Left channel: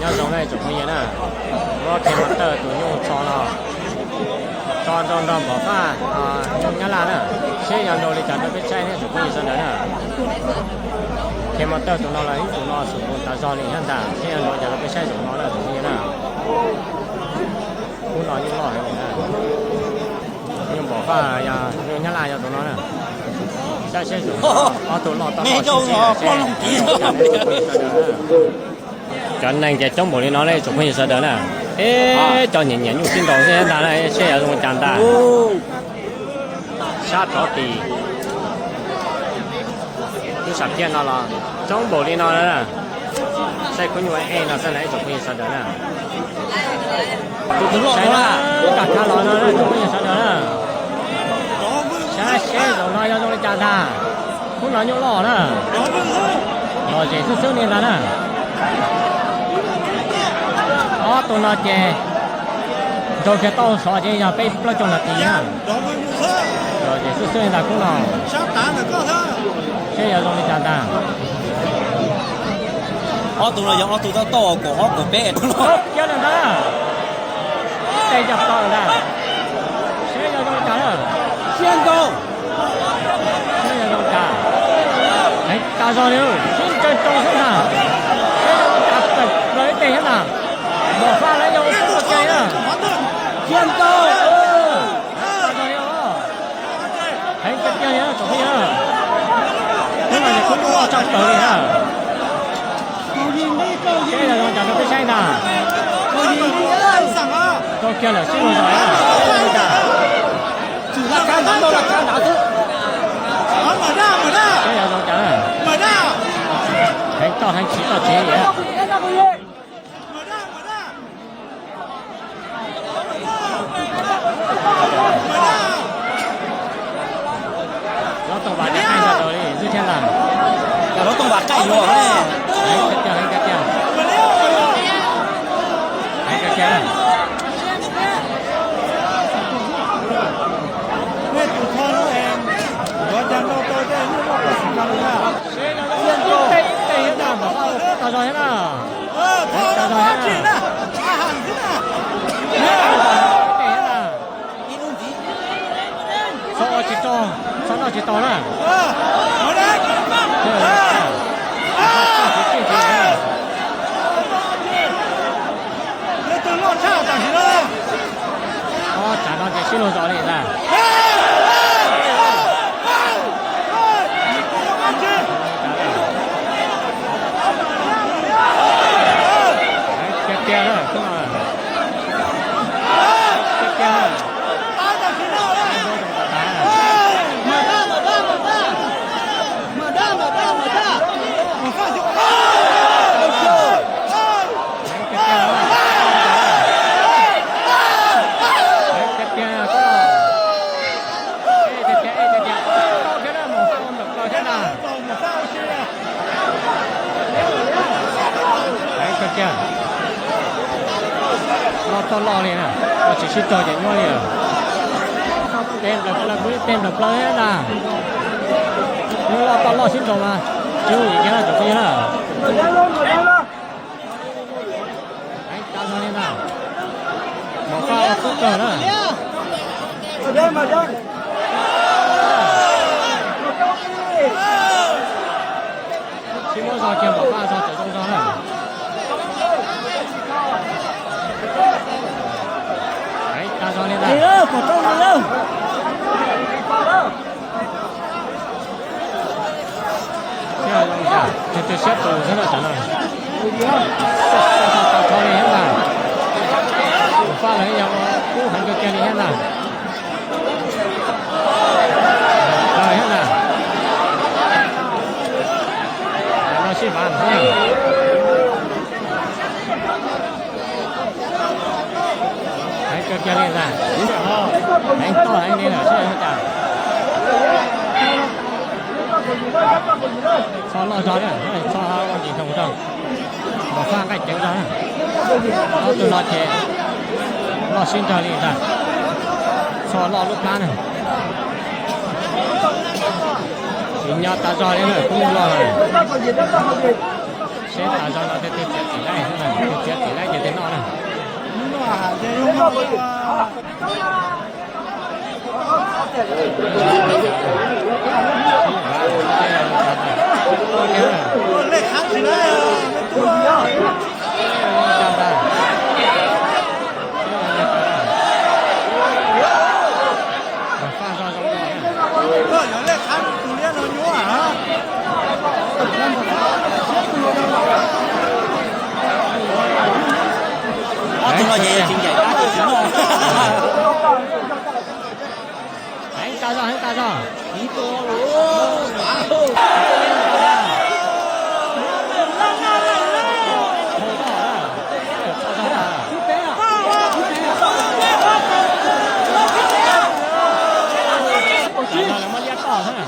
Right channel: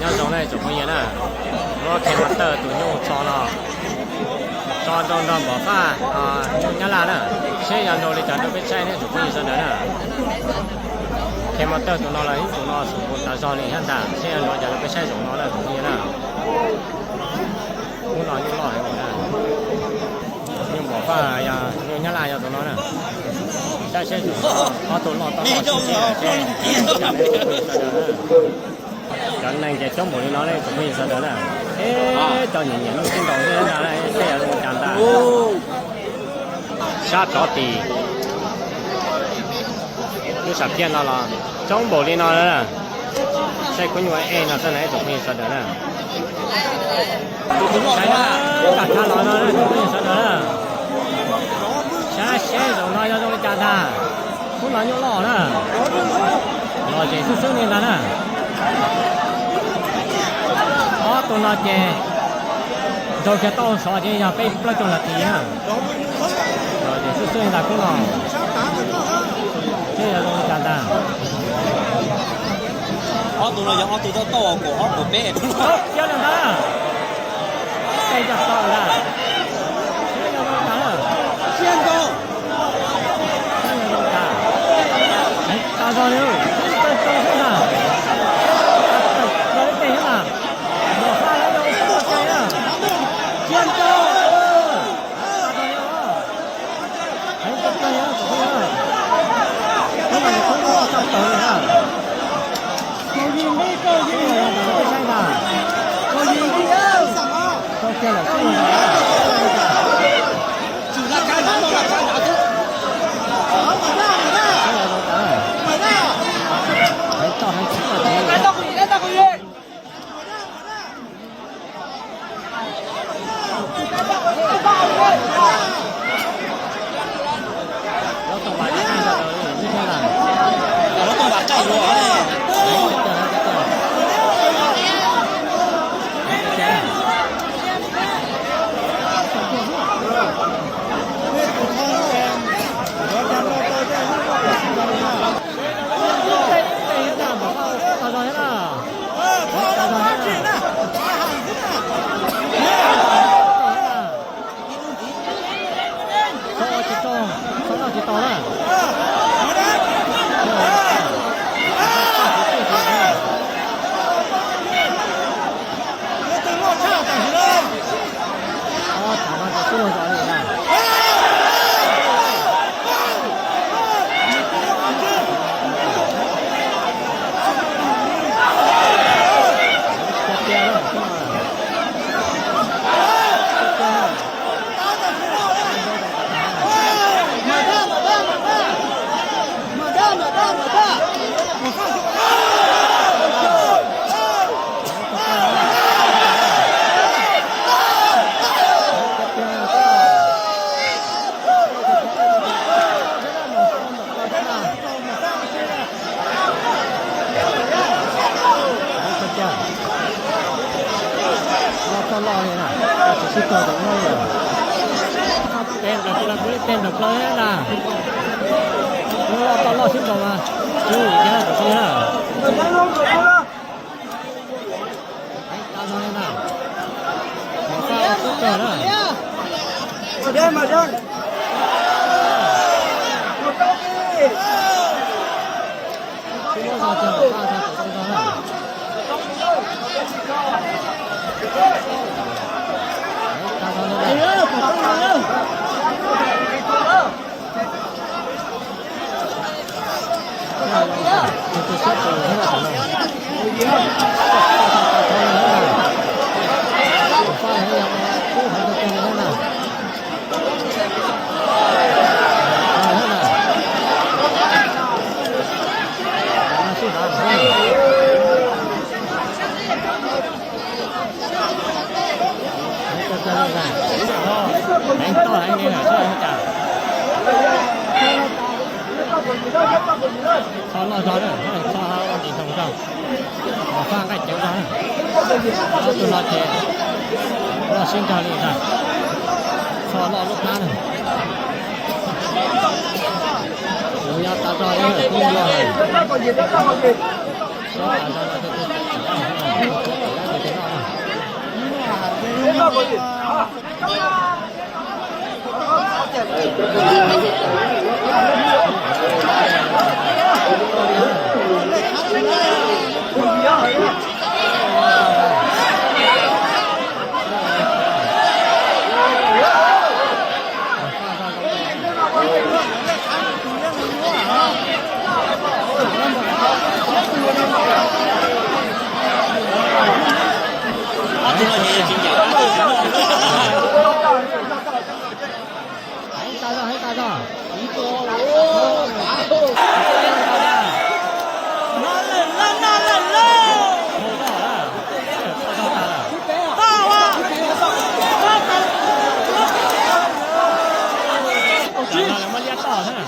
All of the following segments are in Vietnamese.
nhau giống này chụp không yên à nó kèm mặt tờ tụi nhung cho nó cho bỏ pha nhung nhá là nè xe dàn đồ đi chặt đâu biết xe này chụp không yên nè kèm mặt tờ tụi nó là tụi nó chụp một ta do liền hắn ta xe dàn đồ chặt đâu biết xe chụp nó là chụp không yên à muốn nói như lo hay gì nè nhung bỏ pha nhung nhá là cho tụi nó nè xe chụp nó tụi nó tao lo xe xe chặt đấy chụp không yên nè cái này cái trong bộ nó đây chụp hình sao đó nè, cho nhìn nhìn xin đầu thế nào đây xe ở trong trạm ta, sát chó tì, cứ sắp thiên nó là trong bộ nó đó, xe cũng như vậy nó sẽ lấy chụp hình sao đó nè, xe nó cả thà nó chụp hình sao đó nè, xe rồi nó trong trạm ta, cũng là nhiều lò nè, lò gì xuất xuất lên đó nè. Tụi nó chè rồi cái tàu xóa chè nhà bay bao trong là tí ha rồi chè xuất xuất là cũng nó chè ở trong đi chả ta tụi nó giống tụi nó to của bé tốt chưa là ta đây chập to là ta chè ở trong chả rồi chè ở trong chả đấy ta rồi nữa trên trong thế nào chặt rồi để thế nào bỏ pha lấy nhau không được chơi nữa chiến đấu ta cho nhau thấy chết chơi nhá tụi bây giờ thế là cũng lo trong tới nữa bây giờ chúng ta phải xem nào câu kia là siêu giỏi à chỉ là cái đó là cái đó cái là đâu cả thấy to hay chỉ to chế vậy nó tàu bạn đã thay ra rồi như thế nào nó tàu bạn chạy rồi đấy đấy cái chèo đây hết nào bảo sao tao rồi hết nào đấy tao rồi hết nào chỉ to sau đó chỉ to đó trả nó chỉ xin lỗi rồi này là cái kia đó không à cái kia to lo liền à, chỉ xin to chỉ nói liền, tem là quý tem là lớn hết à, nhưng lo to lo xin to mà, chứ gì cái là được như là, đấy tao nói liền à, một pha phút rồi đó, mà đây, chỉ muốn do chiều một pha do tự động do này. Đấy, ta cho lên đây. Thế là dòng chả, tôi xếp từ thế là chẳng nào. Ta cho lên hết nào. Pha lấy dòng cũ hành cho kia đi hết nào. Rồi hết nào. Nó xếp bàn thế nào. Cho lên ra, anh to anh lên là chơi không chả, cho lo gió nữa, cho quan chỉ thông xong, bỏ pha cái chén gió nữa, nó tụi nó chè, lo xin cho lên ra, cho lo lúc lá này, nhau ta gió lên rồi cũng lo rồi, sẽ ta gió nó sẽ chết này thế này, chết 捡到了。别过过去啊！中了也有经典，打都行还打仗，还打仗，跑到了，跑到他了。站到了，没脸倒他呢。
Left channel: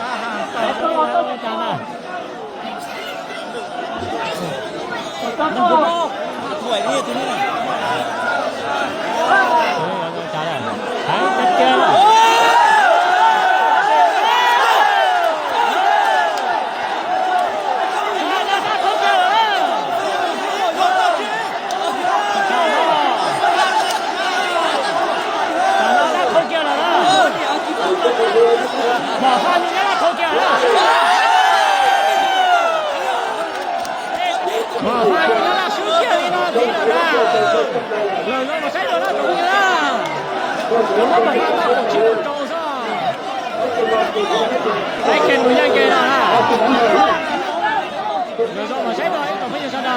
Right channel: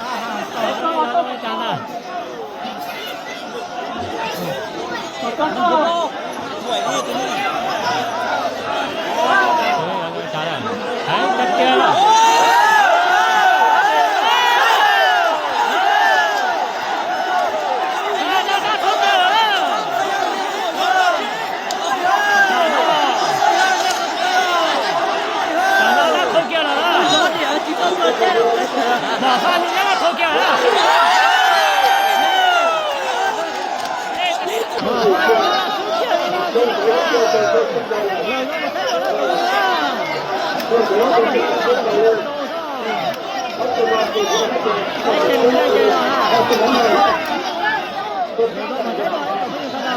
啊哈，倒他了，没站到。trả lời đấy cách kia rồi nó thốt kia rồi nó đã thốt kia rồi đó bỏ pha nhưng nó thốt kia rồi bỏ pha nhưng nó xuống kia đi nó tí rồi đó rồi nó mà xét rồi nó đúng chưa有冇辦法把火球搞上？哎，給人家給了啊！有時候我才把一個朋友看到。